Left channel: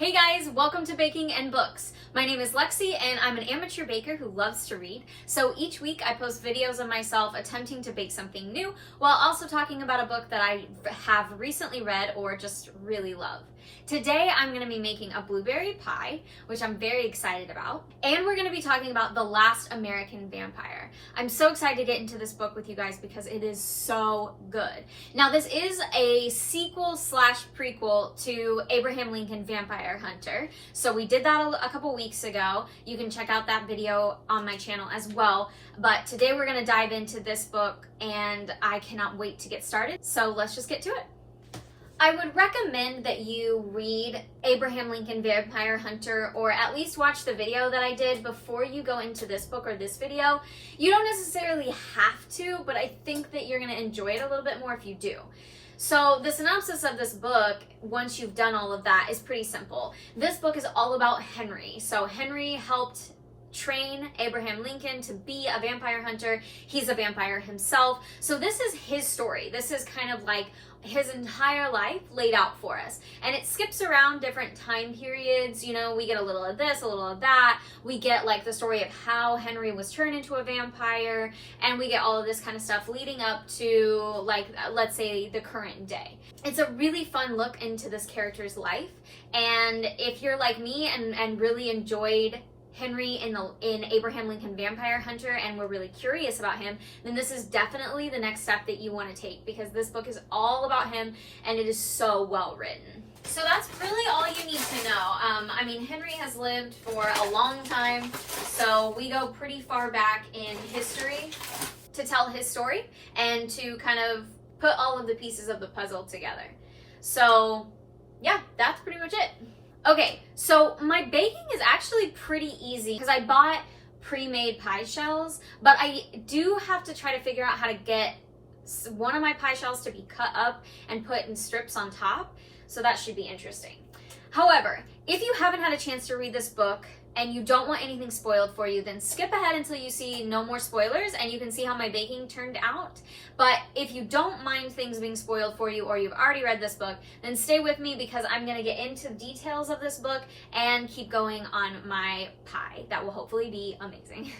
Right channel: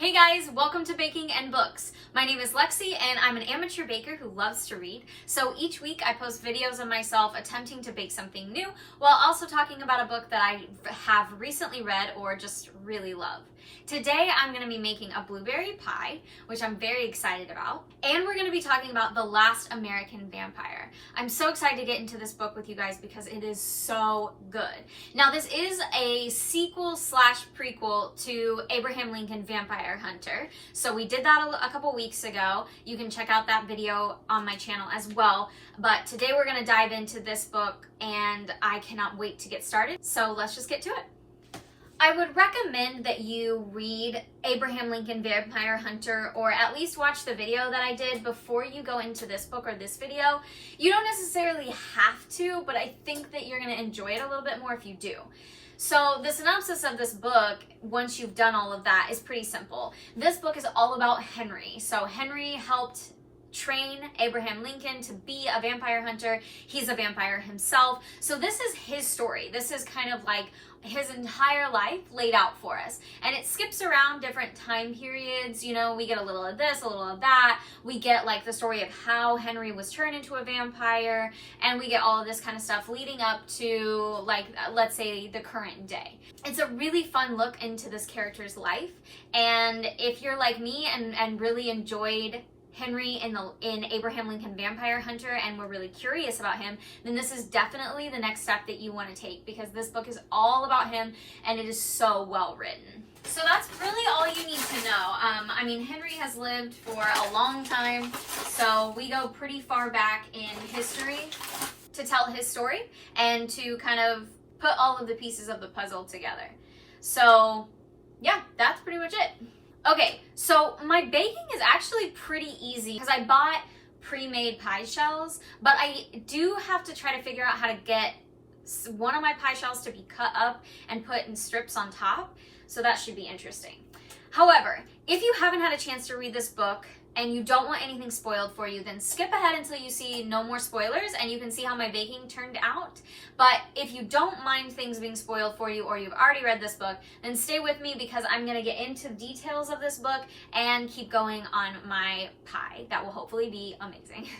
Hey guys, welcome to Baking and Books. My name is Lexi and I'm an amateur baker who loves to read. So each week I post videos of myself attempting to bake something new while also talking about a book that I have recently read or just really love. Today I'm going to be making a blueberry pie, which I'm very excited about. And we're going to be talking about The Last American Vampire. I'm so excited to get into this book with you guys because it is so good. Now this is a sequel slash prequel to Abraham Lincoln Vampire Hunter. So we did that a couple weeks ago. You can check out that video on my channel as well. But today we're going to dive into this book and I cannot wait to get started. So let's just get to it. I would recommend that you read Abraham Lincoln Vampire Hunter or at least watch the video that I did before you go into this book or this video. You don't necessarily have to, but I think that you're going to enjoy it a little bit more if you do. So the synopsis of this book, once you've done all of that, is pretty simple. This book is all about Henry. So Henry helped train Abraham Lincoln to be a vampire hunter. He's a vampire himself. So this is his story. This is kind of like his entire life laid out for us. And it skips around different time periods. You know, we get a little of this, a little of that. We get like the story of how Henry was turned into a vampire. And we get all of this kind of stuff leading up to, like, let's say the current day. It's a really fun look into this character's life. And if you're like me and really enjoyed Henry in Abraham Lincoln Vampire Hunter and we're really curious about him, then this is definitely the next step that you want to take because this book is all about him and it is so well written. So that's really all you need to know. I mean, Henry has lived for a long time, so we go pretty far back in history to tell his story and to kind of put all of the pieces of the puzzle together. So yeah, that's pretty much it. Okay, so my baking is actually pretty easy because I bought pre-made pie shells, but I do have to try to figure out how to get one of my pie shells to be cut up and put in strips on top, so that should be interesting. However, if you haven't had a chance to read this book and you don't want anything spoiled for you, then skip ahead until you see no more spoilers and you can see how my baking turned out. But if you don't mind things being spoiled for you or you've already read this book, then stay with me because I'm going to get into the details of this book and keep going on my pie. That will hopefully be amazing.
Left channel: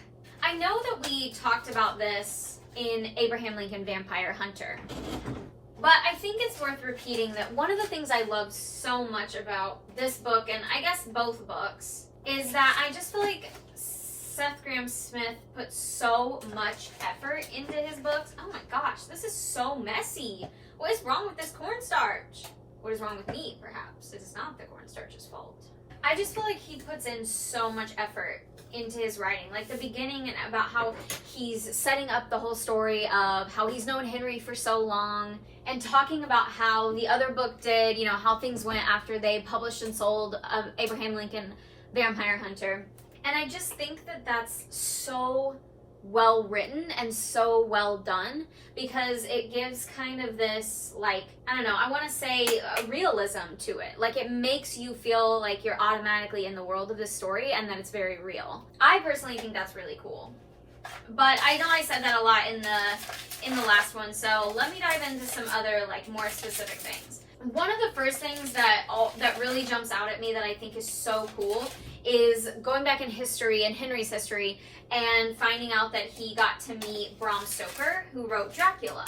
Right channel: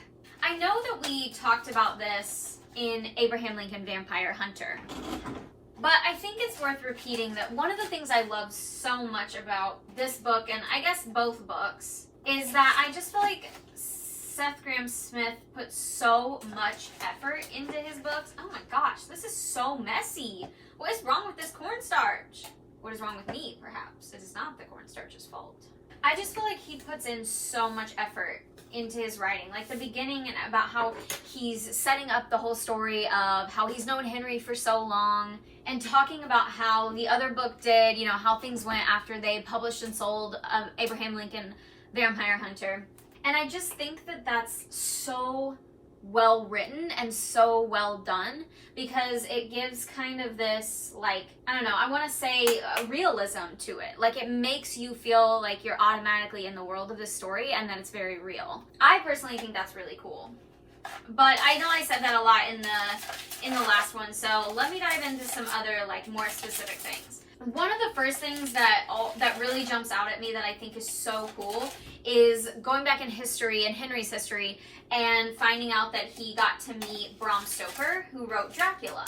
I know that we talked about this in Abraham Lincoln Vampire Hunter, but I think it's worth repeating that one of the things I love so much about this book, and I guess both books, is that I just feel like Seth Graham Smith put so much effort into his books. Oh my gosh, this is so messy. What is wrong with this cornstarch? What is wrong with me, perhaps? It is not the cornstarch's fault. I just feel like he puts in so much effort into his writing. Like the beginning and about how he's setting up the whole story of how he's known Henry for so long and talking about how the other book did, you know, how things went after they published and sold Abraham Lincoln Vampire Hunter. And I just think that that's so well written and so well done because it gives kind of this, like, I don't know, I want to say realism to it. Like it makes you feel like you're automatically in the world of this story and that it's very real. I personally think that's really cool. But I know I said that a lot in the last one, so let me dive into some other like more specific things. One of the first things that really jumps out at me that I think is so cool is going back in history, in Henry's history, and finding out that he got to meet Bram Stoker, who wrote Dracula.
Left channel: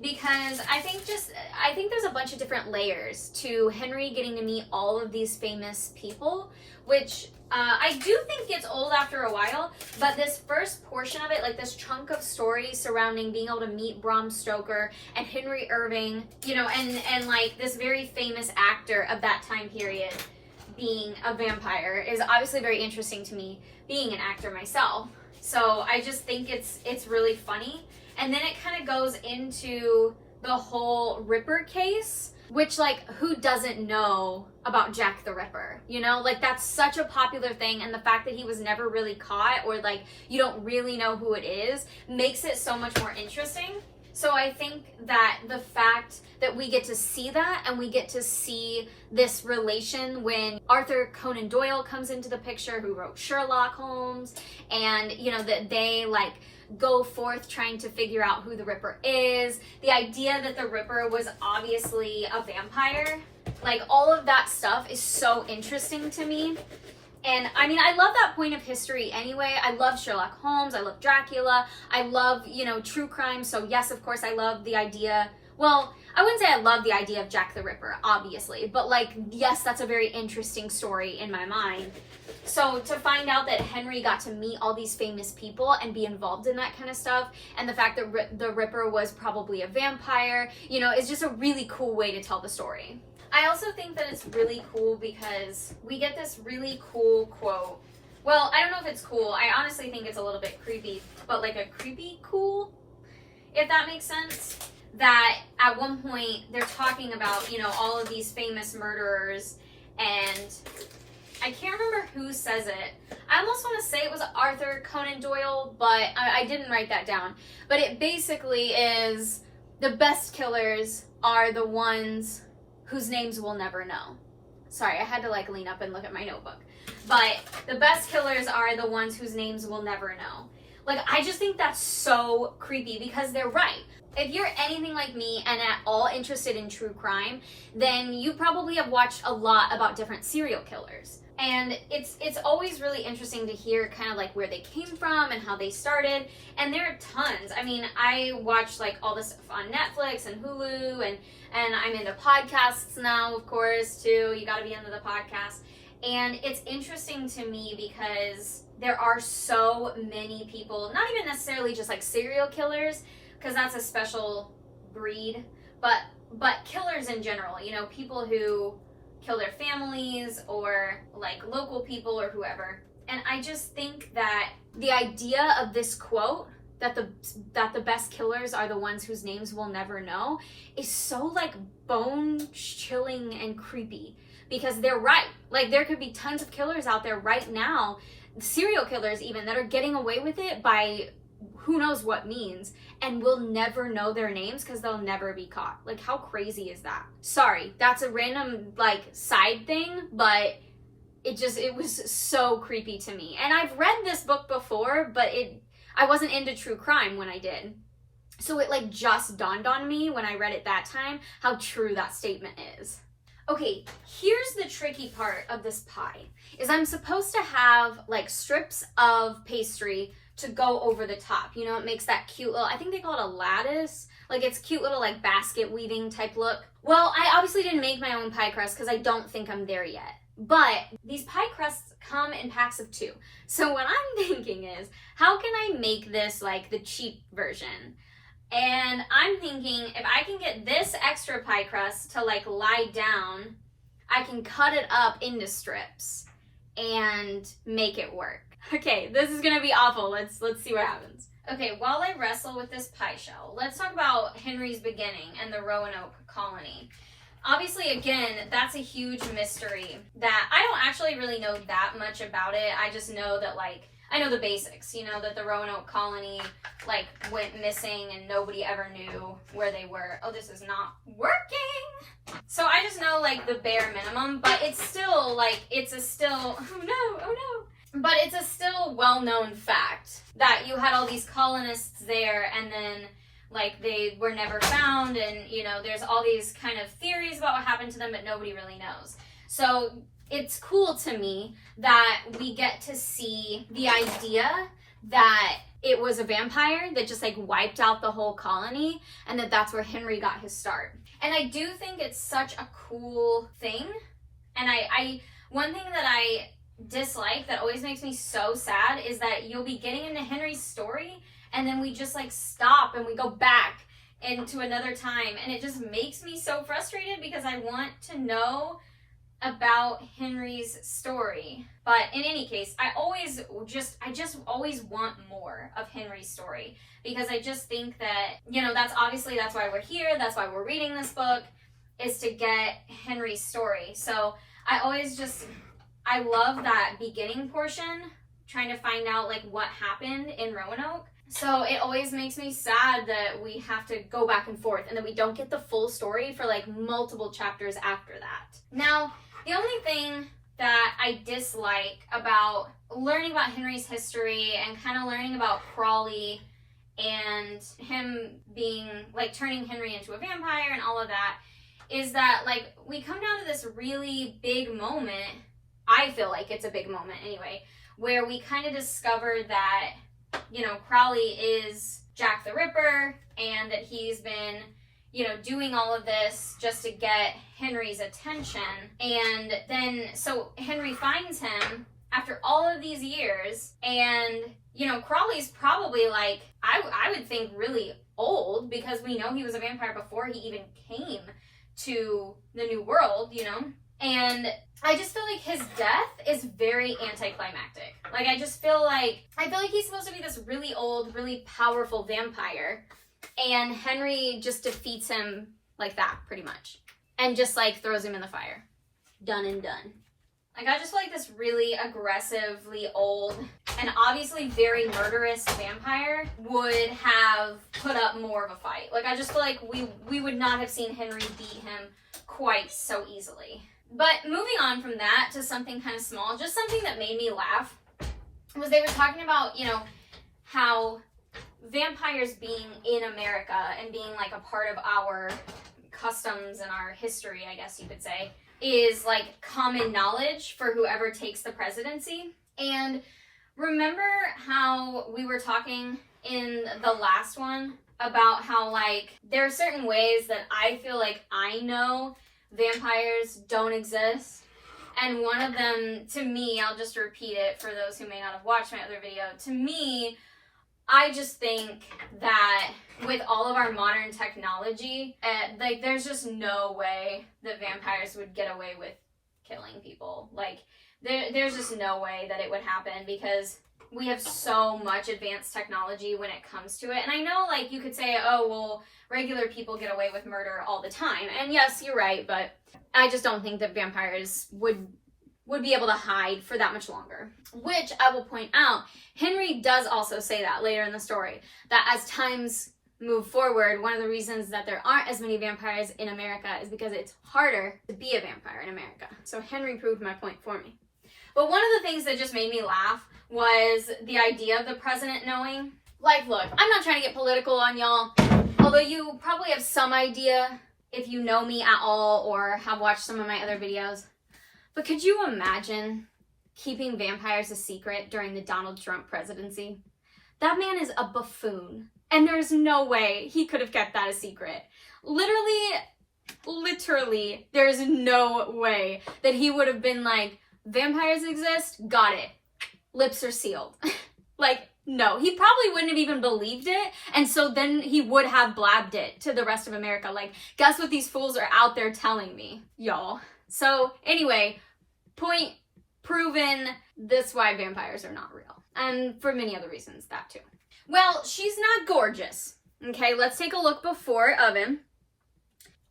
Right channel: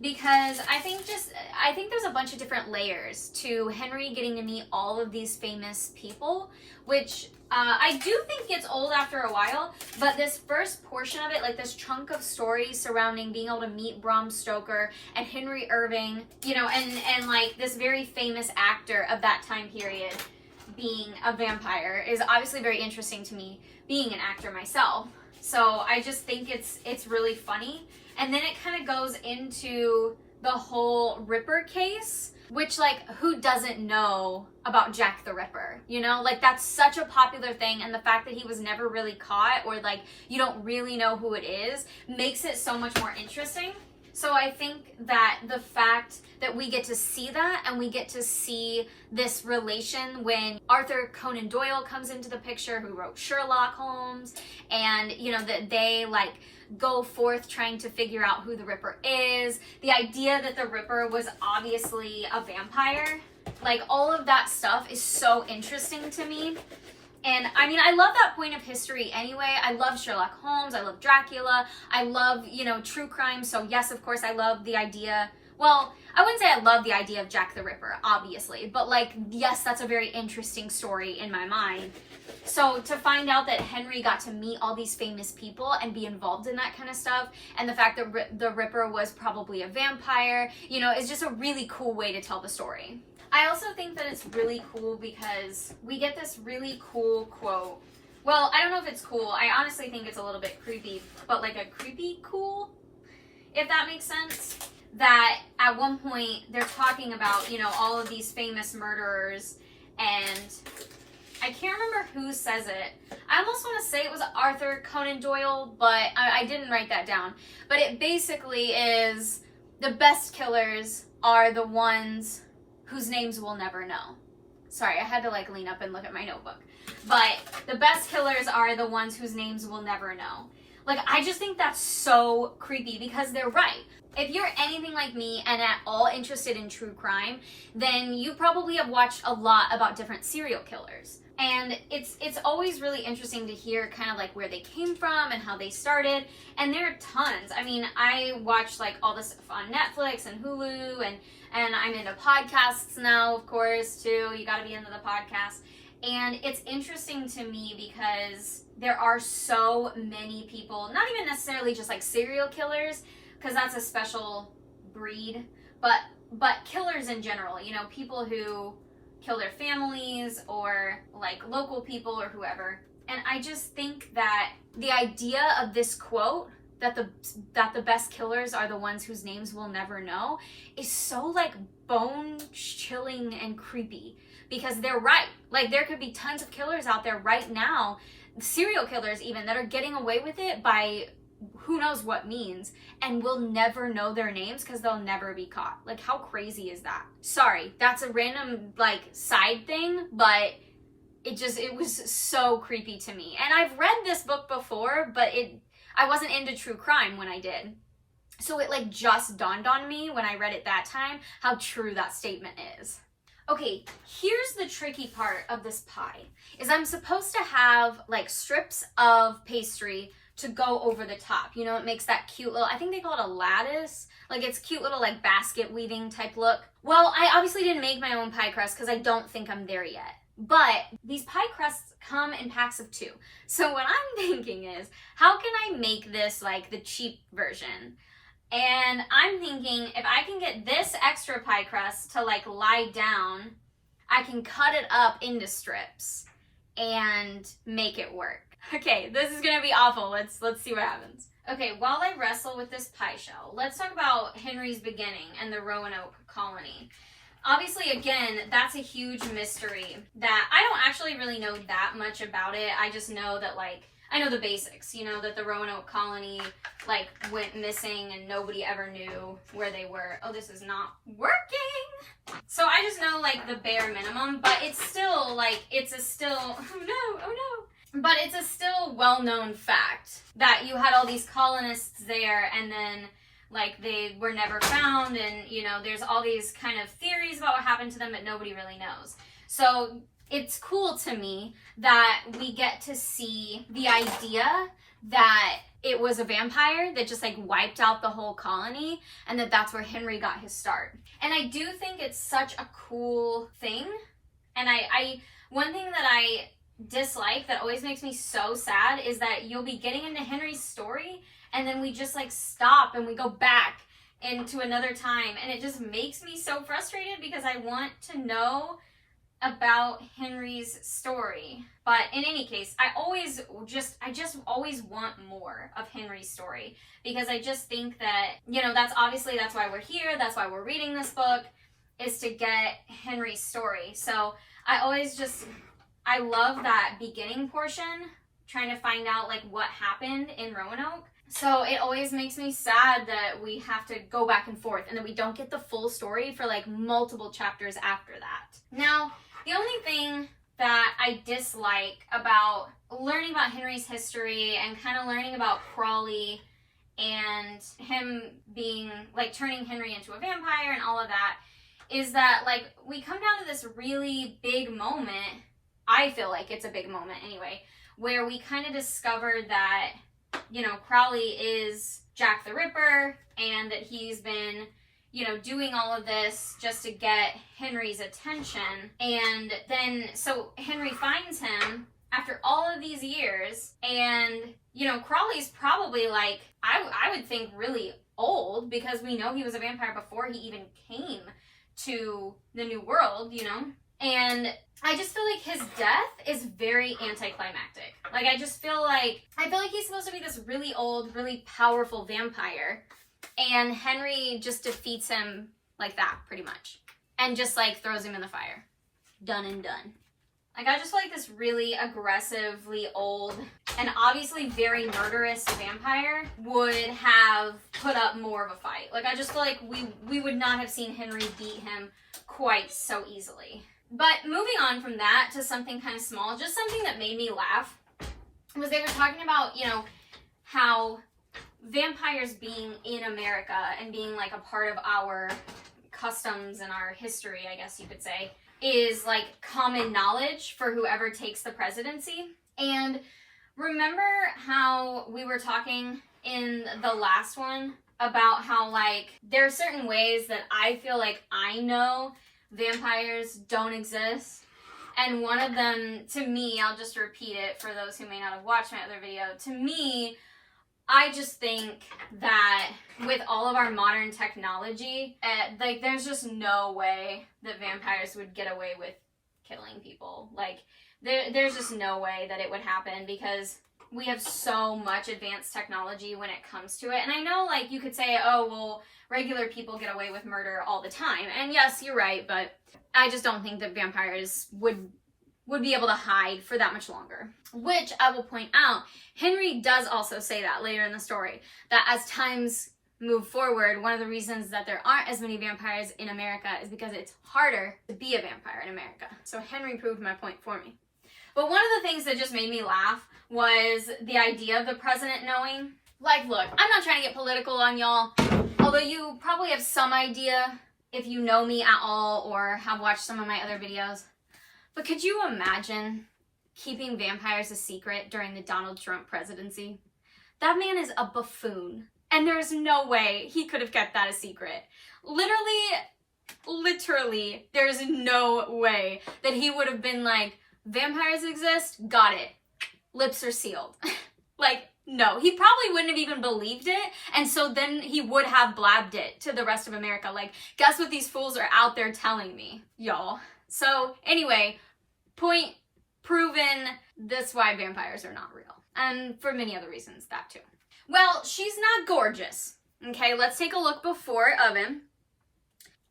Because I think there's a bunch of different layers to Henry getting to meet all of these famous people, which I do think gets old after a while, but this first portion of it, like this chunk of story surrounding being able to meet Bram Stoker and Henry Irving, you know, and like this very famous actor of that time period being a vampire is obviously very interesting to me, being an actor myself. So I just think it's really funny. And then it kind of goes into the whole Ripper case, which, like, who doesn't know about Jack the Ripper? You know, like, that's such a popular thing, and the fact that he was never really caught, or like you don't really know who it is, makes it so much more interesting. So I think that the fact that we get to see that, and we get to see this relation when Arthur Conan Doyle comes into the picture, who wrote Sherlock Holmes, and, you know, that they like go forth trying to figure out who the Ripper is. The idea that the Ripper was obviously a vampire Like, all of that stuff is so interesting to me. And I mean, I love that point of history anyway. I love Sherlock Holmes. I love Dracula. I love, you know, true crime. So yes, of course, I love the idea. Well, I wouldn't say I love the idea of Jack the Ripper, obviously. But like, yes, that's a very interesting story in my mind. So to find out that Henry got to meet all these famous people and be involved in that kind of stuff, and the fact that the Ripper was probably a vampire, you know, is just a really cool way to tell the story. I also think that it's really cool because we get this really cool quote. Well, I don't know if it's cool. I honestly think it's a little bit creepy, but like a creepy cool, if that makes sense. That at one point they're talking about, you know, all of these famous murderers, and I can't remember who says it. I almost want to say it was Arthur Conan Doyle, but I didn't write that down. But it basically is the best killers are the ones whose names we'll never know. Sorry, I had to like lean up and look at my notebook. But the best killers are the ones whose names we'll never know. Like, I just think that's so creepy because they're right. If you're anything like me and at all interested in true crime, then you probably have watched a lot about different serial killers. And it's always really interesting to hear kind of like where they came from and how they started. And there are tons. I mean, I watch like all this stuff on Netflix and Hulu, and I'm into podcasts now, of course, too. You got to be into the podcast. And it's interesting to me because there are so many people, not even necessarily just like serial killers, because that's a special breed, but killers in general, you know, people who kill their families or like local people or whoever. And I just think that the idea of this quote, that the best killers are the ones whose names we'll never know, is so like bone chilling and creepy, because they're right. Like, there could be tons of killers out there right now, serial killers even, that are getting away with it by who knows what means, and we'll never know their names because they'll never be caught. Like, how crazy is that? Sorry, that's a random like side thing, but it was so creepy to me. And I've read this book before, but I wasn't into true crime when I did. So it like just dawned on me when I read it that time how true that statement is. Okay, here's the tricky part of this pie, is I'm supposed to have like strips of pastry to go over the top. You know, it makes that cute little, I think they call it a lattice. Like, it's cute little like basket weaving type look. Well, I obviously didn't make my own pie crust because I don't think I'm there yet. But these pie crusts come in packs of 2. So what I'm thinking is, how can I make this like the cheap version? And I'm thinking, if I can get this extra pie crust to like lie down, I can cut it up into strips and make it work. Okay, this is gonna be awful. Let's see what happens. Okay, while I wrestle with this pie shell, let's talk about Henry's beginning and the Roanoke colony. Obviously, again, that's a huge mystery that I don't actually really know that much about it. I just know that, like, I know the basics, you know, that the Roanoke colony, like, went missing and nobody ever knew where they were. Oh, this is not working! So I just know, like, the bare minimum, but it's still, like, oh no. But it's a still well-known fact that you had all these colonists there, and then like they were never found, and you know, there's all these kind of theories about what happened to them, but nobody really knows. So it's cool to me that we get to see the idea that it was a vampire that just like wiped out the whole colony, and that's where Henry got his start. And I do think it's such a cool thing. And I one thing that I dislike that always makes me so sad is that you'll be getting into Henry's story and then we just like stop and we go back into another time, and it just makes me so frustrated because I want to know about Henry's story. But in any case, I just always want more of Henry's story, because I just think that, you know, that's why we're here, that's why we're reading this book, is to get Henry's story. So I love that beginning portion, trying to find out like what happened in Roanoke. So it always makes me sad that we have to go back and forth and that we don't get the full story for like multiple chapters after that. Now, the only thing that I dislike about learning about Henry's history and kind of learning about Crawley and him being like turning Henry into a vampire and all of that is that, like, we come down to this really big moment, I feel like it's a big moment anyway, where we kind of discover that, you know, Crowley is Jack the Ripper, and that he's been, you know, doing all of this just to get Henry's attention. And then, so Henry finds him after all of these years, and, you know, Crowley's probably, like, I would think really old, because we know he was a vampire before he even came to the New World, you know? And I just feel like his death is very anticlimactic. Like, I feel like he's supposed to be this really old, really powerful vampire, and Henry just defeats him like that, pretty much. And just, like, throws him in the fire. Done and done. Like, I just feel like this really aggressively old and obviously very murderous vampire would have put up more of a fight. Like, I just feel like we would not have seen Henry beat him quite so easily. But moving on from that to something kind of small, just something that made me laugh, was they were talking about, you know, how vampires being in America and being, like, a part of our customs and our history, I guess you could say, is, like, common knowledge for whoever takes the presidency. And remember how we were talking in the last one about how, like, there are certain ways that I feel like I know vampires don't exist? And one of them, to me, I'll just repeat it for those who may not have watched my other video, to me, I just think that with all of our modern technology, like, there's just no way that vampires would get away with killing people. Like, there's just no way that it would happen, because we have so much advanced technology when it comes to it. And I know, like, you could say, oh, well, regular people get away with murder all the time. And yes, you're right, but I just don't think that vampires would be able to hide for that much longer. Which, I will point out, Henry does also say that later in the story, that as times move forward, one of the reasons that there aren't as many vampires in America is because it's harder to be a vampire in America. So Henry proved my point for me. But one of the things that just made me laugh was the idea of the president knowing. Like, look, I'm not trying to get political on y'all, although you probably have some idea if you know me at all or have watched some of my other videos. But could you imagine keeping vampires a secret during the Donald Trump presidency? That man is a buffoon, and there's no way he could have kept that a secret. Literally, there's no way that he would have been like, vampires exist? Got it. Lips are sealed. Like, no, he probably wouldn't have even believed it, and so then he would have blabbed it to the rest of America. Like, guess what these fools are out there telling me, y'all. So, anyway, point proven, that's why vampires are not real. And for many other reasons, that too. Well, she's not gorgeous. Okay, let's take a look before of him.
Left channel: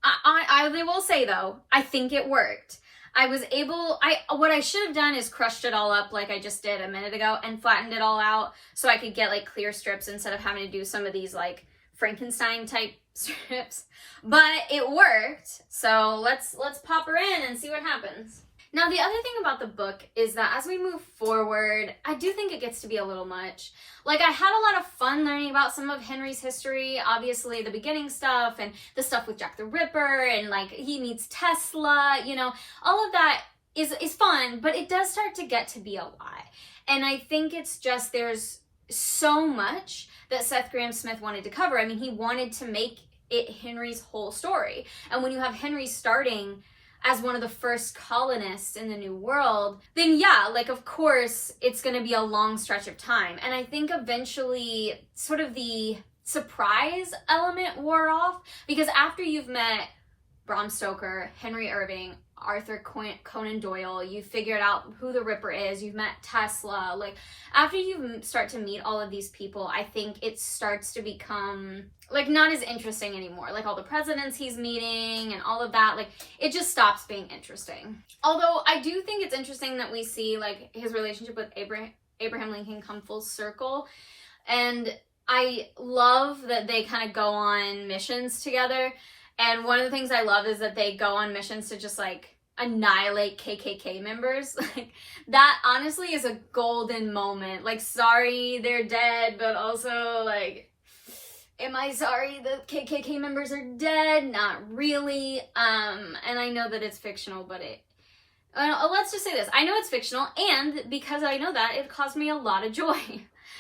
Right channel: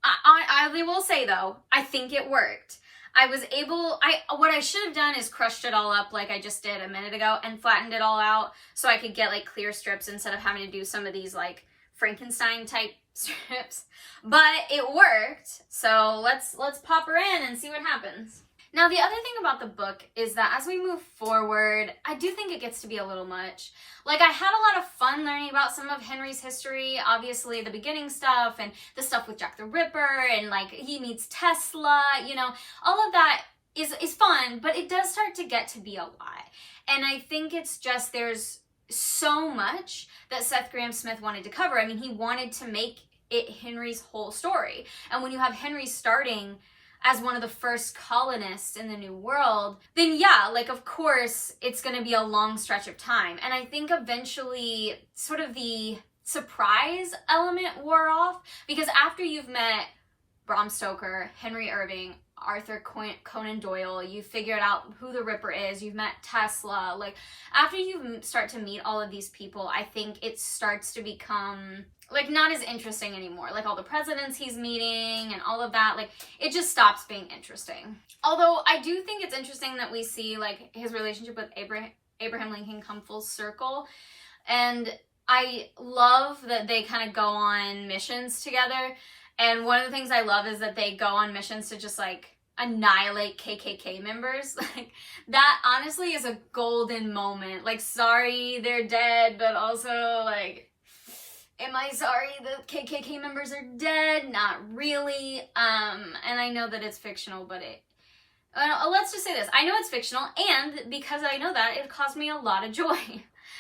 I will say, though, I think it worked. What I should have done is crushed it all up like I just did a minute ago and flattened it all out so I could get, like, clear strips instead of having to do some of these, like, Frankenstein type strips. But it worked, so let's pop her in and see what happens. Now, the other thing about the book is that as we move forward, I do think it gets to be a little much. Like, I had a lot of fun learning about some of Henry's history, obviously the beginning stuff and the stuff with Jack the Ripper and, like, he meets Tesla, you know, all of that is fun, but it does start to get to be a lot. And I think it's just there's so much that Seth Graham Smith wanted to cover. I mean, he wanted to make it Henry's whole story. And when you have Henry starting as one of the first colonists in the New World, then yeah, like, of course, it's going to be a long stretch of time. And I think eventually sort of the surprise element wore off, because after you've met Bram Stoker, Henry Irving, Arthur Conan Doyle, you've figured out who the Ripper is, you've met Tesla, like, after you start to meet all of these people, I think it starts to become, like, not as interesting anymore. Like, all the presidents he's meeting and all of that, like, it just stops being interesting. Although, I do think it's interesting that we see, like, his relationship with Abraham Lincoln come full circle, and I love that they kind of go on missions together. And one of the things I love is that they go on missions to just, like, annihilate KKK members. Like, that honestly is a golden moment. Like, sorry they're dead, but also, like, Am I sorry the KKK members are dead? Not really. And I know that it's fictional, but let's just say this. I know it's fictional, and because I know that, it caused me a lot of joy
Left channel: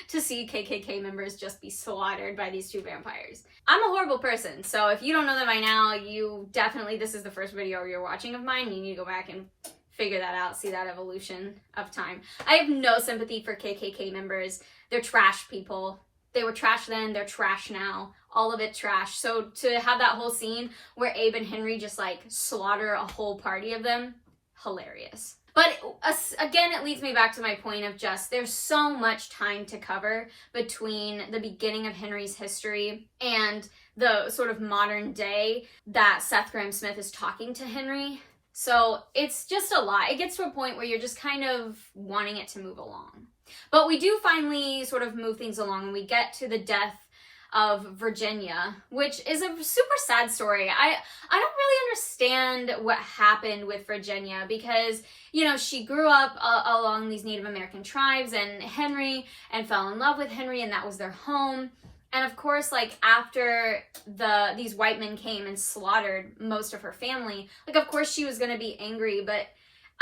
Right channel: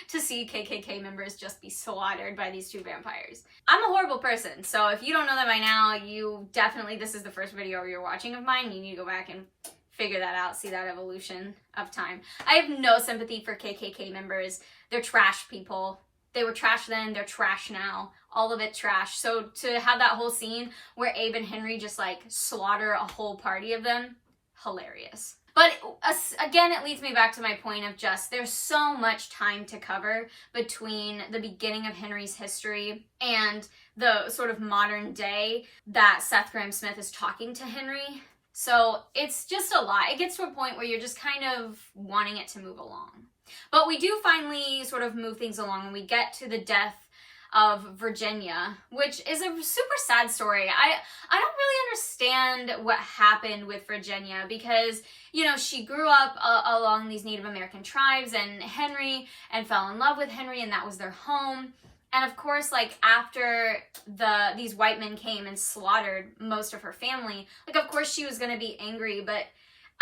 to see KKK members just be slaughtered by these two vampires. I'm a horrible person, so if you don't know that by now, you definitely, this is the first video you're watching of mine, you need to go back and figure that out, see that evolution of time. I have no sympathy for KKK members. They're trash people. They were trash then, they're trash now. All of it trash. So to have that whole scene where Abe and Henry just like slaughter a whole party of them, hilarious. But again, it leads me back to my point of just there's so much time to cover between the beginning of Henry's history and the sort of modern day that Seth Graham Smith is talking to Henry. So it's just a lot. It gets to a point where you're just kind of wanting it to move along. But we do finally sort of move things along, and we get to the death of Virginia, which is a super sad story. I don't really understand what happened with Virginia because, you know, she grew up along these Native American tribes and fell in love with Henry, and that was their home. And of course, like after these white men came and slaughtered most of her family, like of course she was going to be angry, but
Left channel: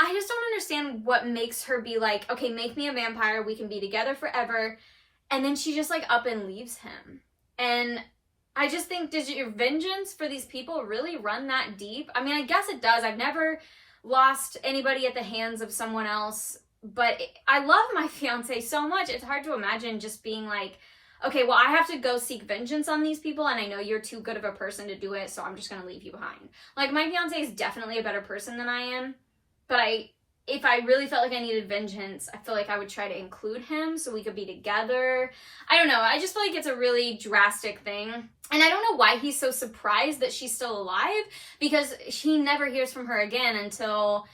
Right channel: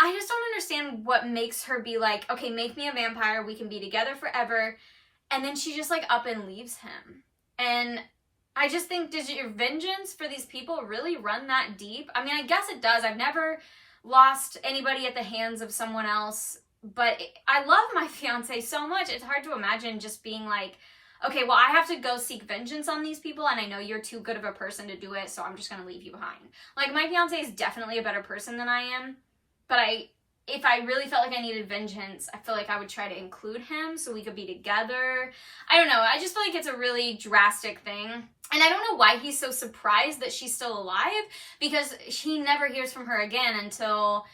I just don't understand what makes her be like, okay, make me a vampire, we can be together forever. And then she just like up and leaves him. And I just think, did your vengeance for these people really run that deep? I mean, I guess it does. I've never lost anybody at the hands of someone else, but I love my fiance so much. It's hard to imagine just being like, okay, well, I have to go seek vengeance on these people, and I know you're too good of a person to do it, so I'm just going to leave you behind. Like, my fiance is definitely a better person than I am, but if I really felt like I needed vengeance, I feel like I would try to include him so we could be together. I don't know. I just feel like it's a really drastic thing. And I don't know why he's so surprised that she's still alive, because he never hears from her again until,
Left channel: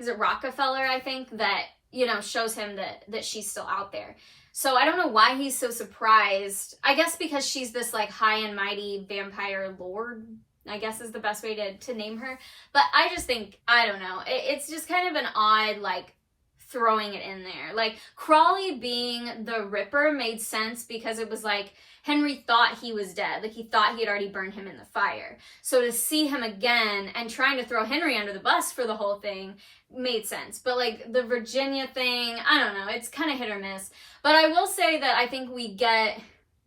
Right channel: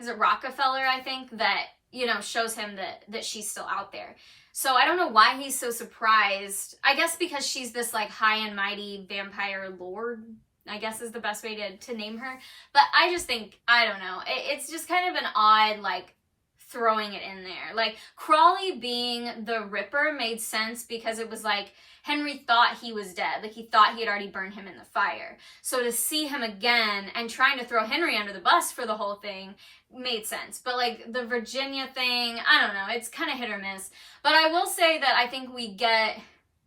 is it Rockefeller, I think, that, you know, shows him that she's still out there. So I don't know why he's so surprised. I guess because she's this like high and mighty vampire lord, I guess is the best way to name her. But I just think, I don't know, it's just kind of an odd, like, throwing it in there. Like, Crawley being the Ripper made sense because it was like, Henry thought he was dead. Like, he thought he had already burned him in the fire. So to see him again and trying to throw Henry under the bus for the whole thing made sense. But, like, the Virginia thing, I don't know, it's kind of hit or miss. But I will say that I think we get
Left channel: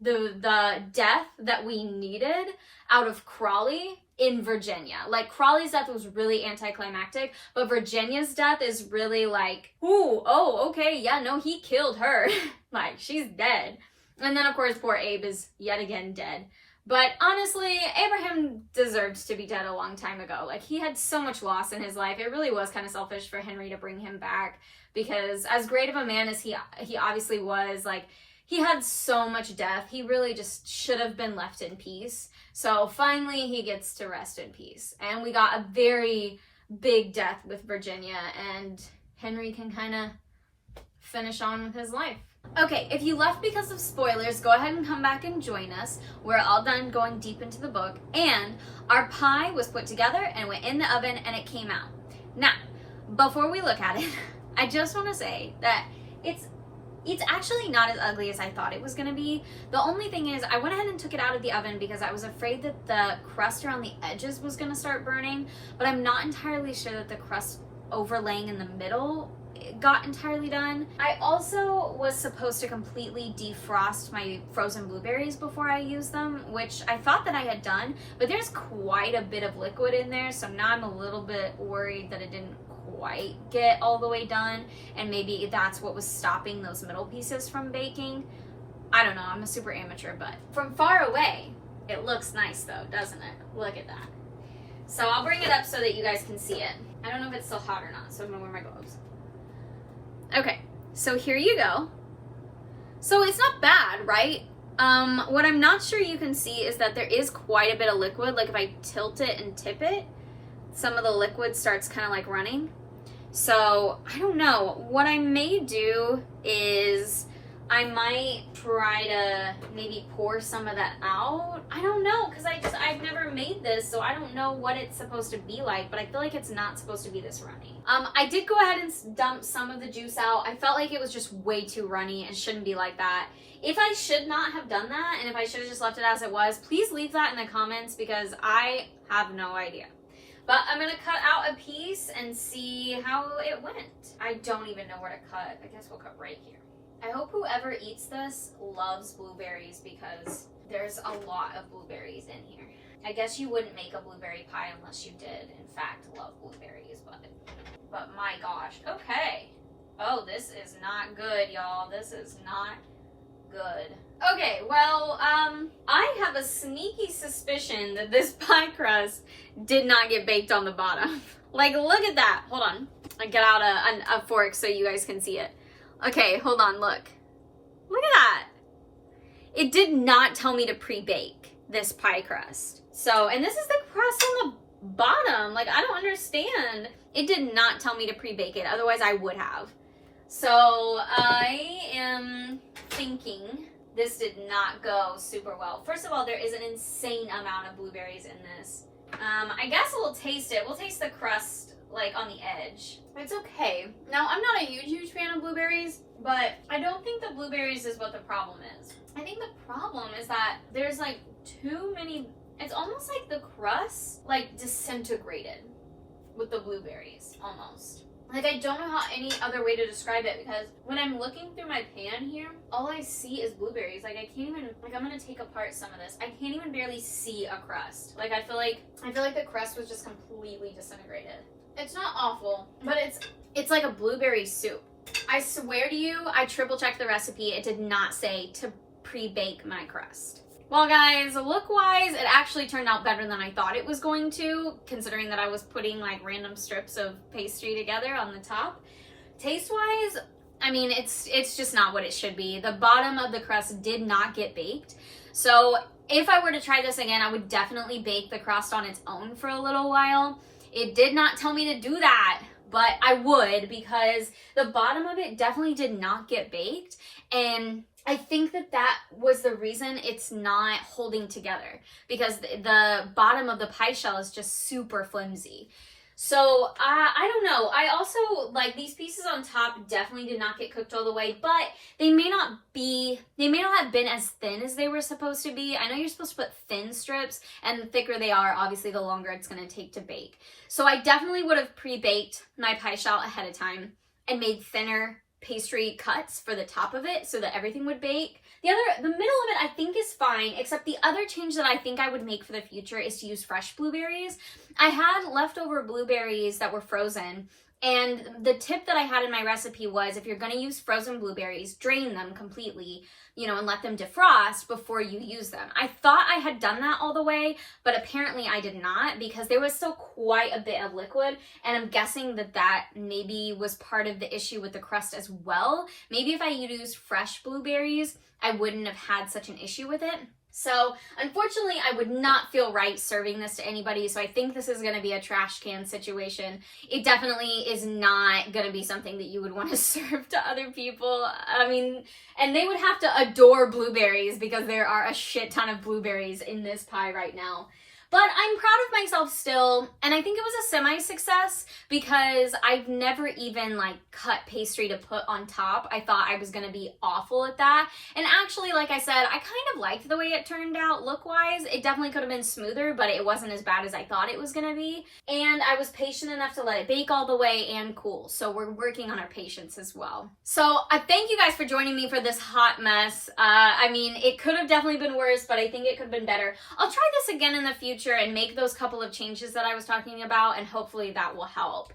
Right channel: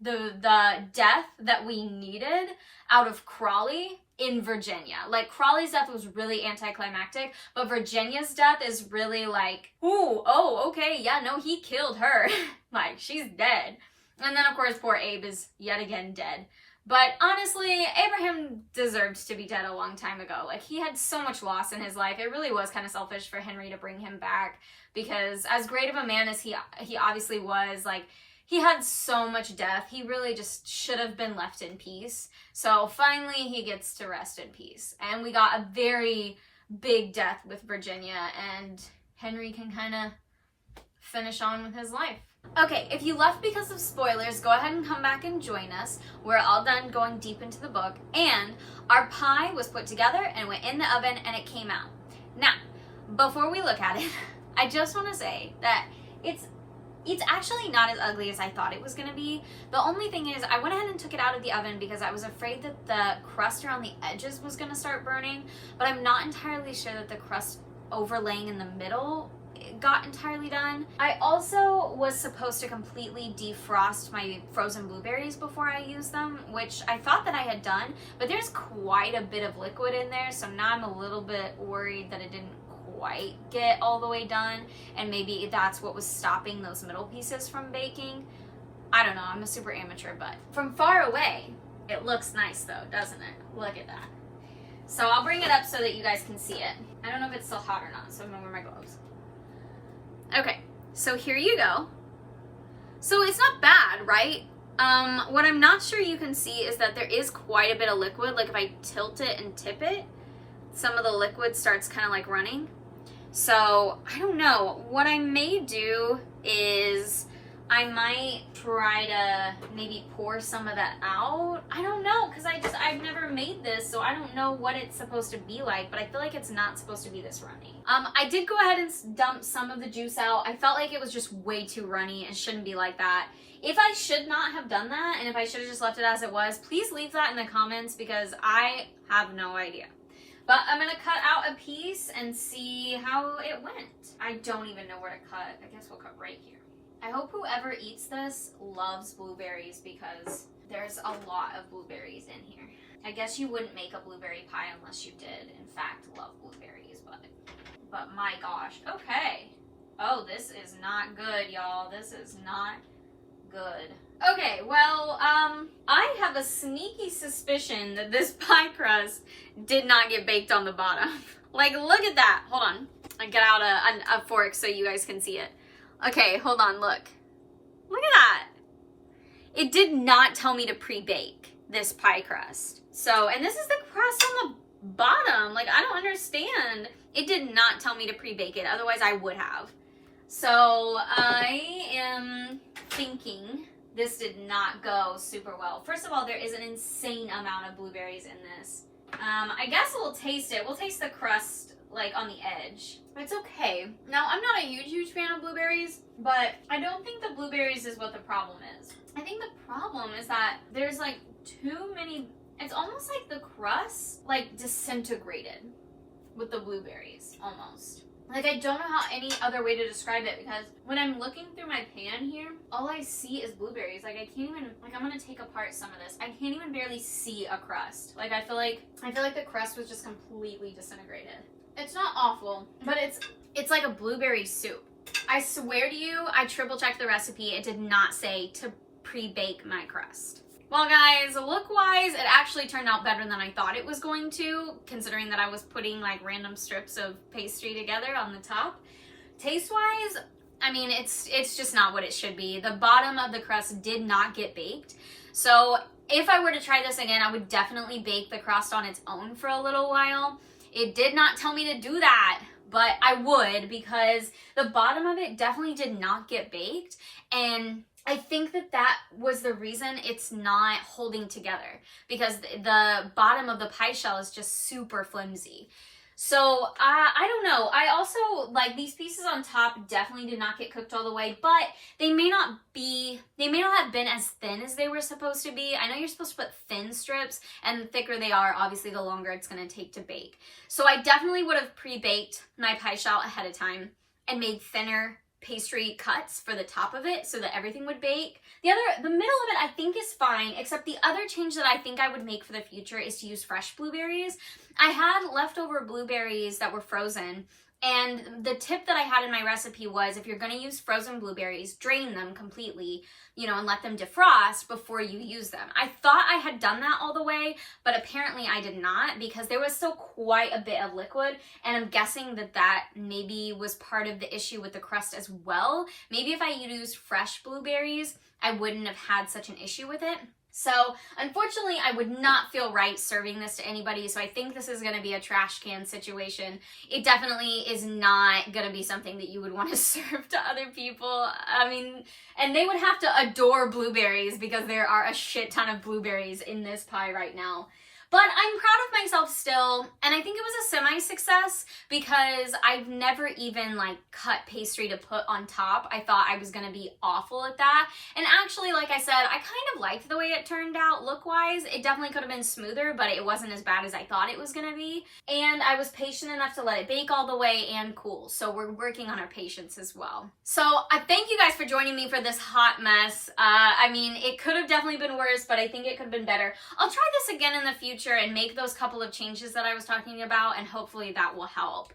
the death that we needed out of Crawley in Virginia. Like, Crawley's death was really anticlimactic, but Virginia's death is really like, ooh, oh, okay, yeah, no, he killed her. Like, she's dead. And then, of course, poor Abe is yet again dead. But honestly, Abraham deserved to be dead a long time ago. Like, he had so much loss in his life. It really was kind of selfish for Henry to bring him back, because as great of a man as he obviously was, like, he had so much death. He really just should have been left in peace. So finally, he gets to rest in peace. And we got a very big death with Virginia, and Henry can kind of finish on with his life. Okay, if you left because of spoilers, go ahead and come back and join us. We're all done going deep into the book, and our pie was put together and went in the oven, and it came out. Now, before we look at it, I just want to say that it's actually not as ugly as I thought it was going to be. The only thing is, I went ahead and took it out of the oven because I was afraid that the crust around the edges was going to start burning, but I'm not entirely sure that the crust overlaying in the middle got entirely done. I also was supposed to completely defrost my frozen blueberries before I used them, which I thought that I had done, but there's quite a bit of liquid in there, so now I'm a little bit worried that it didn't quite get all the way done, and maybe that's what was stopping those middle pieces from baking. I don't know, I'm a super amateur, but from far away, it looks nice though, doesn't it? Look at that. So I'll bring it up so that you guys can see it. I don't know if it's still hot or not, so I'm gonna wear my gloves. Okay, so here you go. So it's not bad, right? What I'm not sure you can see is that there is quite a bit of liquid. Like if I tilt it and tip it, some of the liquid starts kind of like running. So I don't know. What I may do is I might try to maybe pour some of that out. I don't know, because I've never made this, so I don't know what it's supposed to be like, but I feel like it's not supposed to be this runny. I did go ahead and dump some of the juice out. I felt like it was just way too runny and shouldn't be like that. If I should not have done that, and if I should have just left it as it was, please leave that in the comments because I have no idea. But I'm gonna cut out a piece and see how it went. I don't even know where to cut. I guess we'll cut right here. I hope whoever eats this loves blueberries because there's a lot of blueberries in here. I guess you wouldn't make a blueberry pie unless you did, in fact, love blueberries, but my gosh. Okay. Oh, this is not good, y'all. This is not good. Okay, well, I have a sneaky suspicion that this pie crust did not get baked on the bottom. Like, look at that. Hold on. I get out a fork so you guys can see it. Okay, hold on, look. Look at that. It did not tell me to pre-bake this pie crust. So, and this is the crust on the bottom. Like, I don't understand. It did not tell me to pre-bake it. Otherwise, I would have. So, I am thinking this did not go super well. First of all, there is an insane amount of blueberries in this. I guess we'll taste it. We'll taste the crust, like, on the edge. It's okay. Now, I'm not a huge fan of blueberries, but I don't think the blueberries is what the problem is. I think the problem is that there's, like, too many... It's almost like the crust, like, disintegrated with the blueberries, almost. Like, I don't know how any other way to describe it because when I'm looking through my pan here, all I see is blueberries. Like, I can't even, like, I'm gonna take apart some of this. I can't even barely see a crust. Like, I feel like the crust was just completely disintegrated. It's not awful, but it's like a blueberry soup. I swear to you, I triple checked the recipe. It did not say to pre-bake my crust. Well, guys, look-wise, it actually turned out better than I thought it was going to, considering that I was putting, like, random strips of pastry together on the top. Taste-wise, I mean, it's just not what it should be. The bottom of the crust did not get baked. So if I were to try this again, I would definitely bake the crust on its own for a little while. It did not tell me to do that, but I would because the bottom of it definitely did not get baked. And I think that was the reason it's not holding together because the bottom of the pie shell is just super flimsy. So I don't know. I also, like, these pieces on top definitely did not get cooked all the way, but they may not have been as thin as they were supposed to be. I know you're supposed to put thin strips, and the thicker they are, obviously the longer it's going to take to bake. So I definitely would have pre-baked my pie shell ahead of time and made thinner pastry cuts for the top of it so that everything would bake. The middle of it I think is fine, except the other change that I think I would make for the future is to use fresh blueberries. I had leftover blueberries that were frozen, and the tip that I had in my recipe was if you're going to use frozen blueberries, drain them completely, you know, and let them defrost before you use them. I thought I had done that all the way, but apparently I did not because there was still quite a bit of liquid, and I'm guessing that maybe was part of the issue with the crust as well. Maybe if I used fresh blueberries, I wouldn't have had such an issue with it. So, unfortunately, I would not feel right serving this to anybody, so I think this is going to be a trash can situation. It definitely is not going to be something that you would want to serve to other people. I mean, and they would have to adore blueberries because there are a shit ton of blueberries in this pie right now. But I'm proud of myself still, and I think it was a semi-success because I've never even, like, cut pastry to put on top. I thought I was going to be awful at that. And actually, like I said, I kind of liked the way it turned out look-wise. It definitely could have been smoother, but it wasn't as bad as I thought it was going to be. And I was patient enough to let it bake all the way and cool. So we're working on our patience as well. So I thank you guys for joining me for this hot mess. I mean, it could have definitely been worse, but I think it could have been better. I'll try this again in the future and make those couple of changes that I was talking about, and hopefully that will help.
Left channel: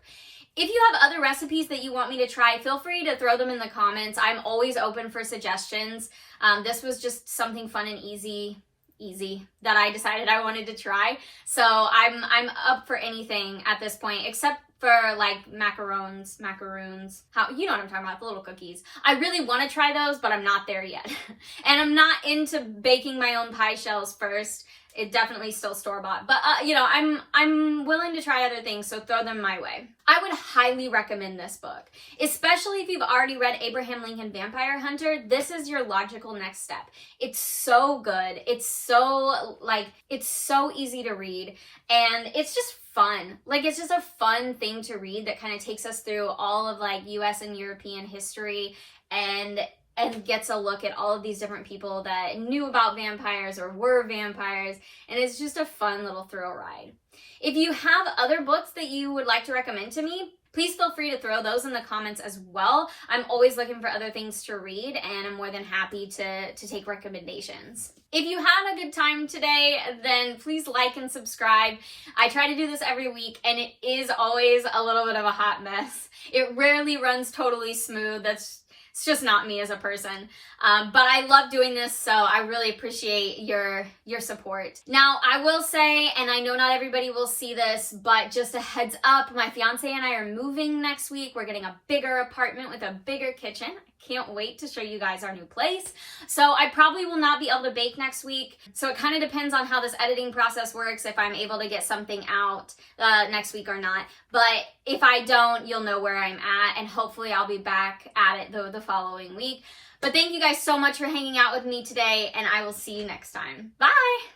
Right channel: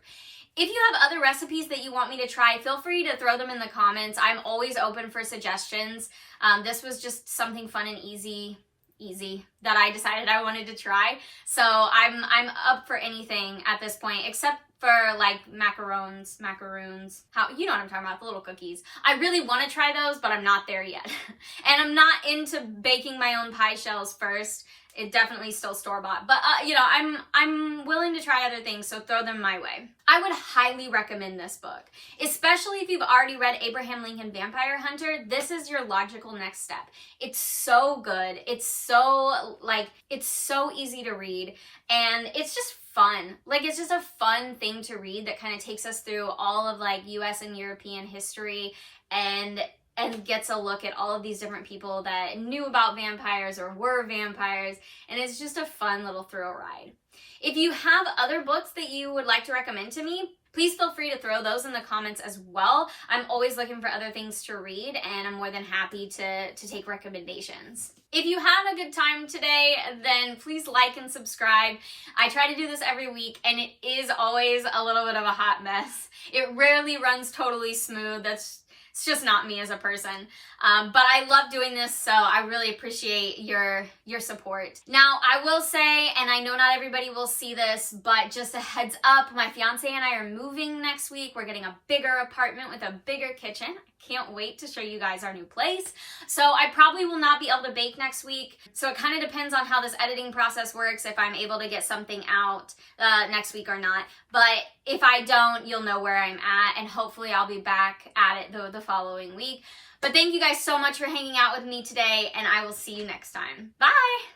If you have other recipes that you want me to try, feel free to throw them in the comments. I'm always open for suggestions. This was just something fun and easy that I decided I wanted to try. So I'm up for anything at this point, except for like macaroons, how, you know what I'm talking about, the little cookies. I really want to try those, but I'm not there yet. And I'm not into baking my own pie shells first. It definitely still store-bought, but you know, I'm willing to try other things, so throw them my way. I would highly recommend this book, especially if you've already read Abraham Lincoln Vampire Hunter. This is your logical next step. It's so good. It's so easy to read, and it's just fun. Like, it's just a fun thing to read that kind of takes us through all of like US and European history and gets a look at all of these different people that knew about vampires or were vampires, and it's just a fun little thrill ride. If you have other books that you would like to recommend to me, please feel free to throw those in the comments as well. I'm always looking for other things to read, and I'm more than happy to take recommendations. If you had a good time today, then please like and subscribe. I try to do this every week, and it is always a little bit of a hot mess. It rarely runs totally smooth. It's just not me as a person. But I love doing this, so I really appreciate your support. Now, I will say, and I know not everybody will see this, but just a heads up, my fiance and I are moving next week. We're getting a bigger apartment with a bigger kitchen. Can't wait to show you guys our new place. So I probably will not be able to bake next week. So it kind of depends on how this editing process works, if I'm able to get something out next week or not. But if I don't, you'll know where I'm at, and hopefully I'll be back at it the following week. But thank you guys so much for hanging out with me today, and I will see you next time. Bye!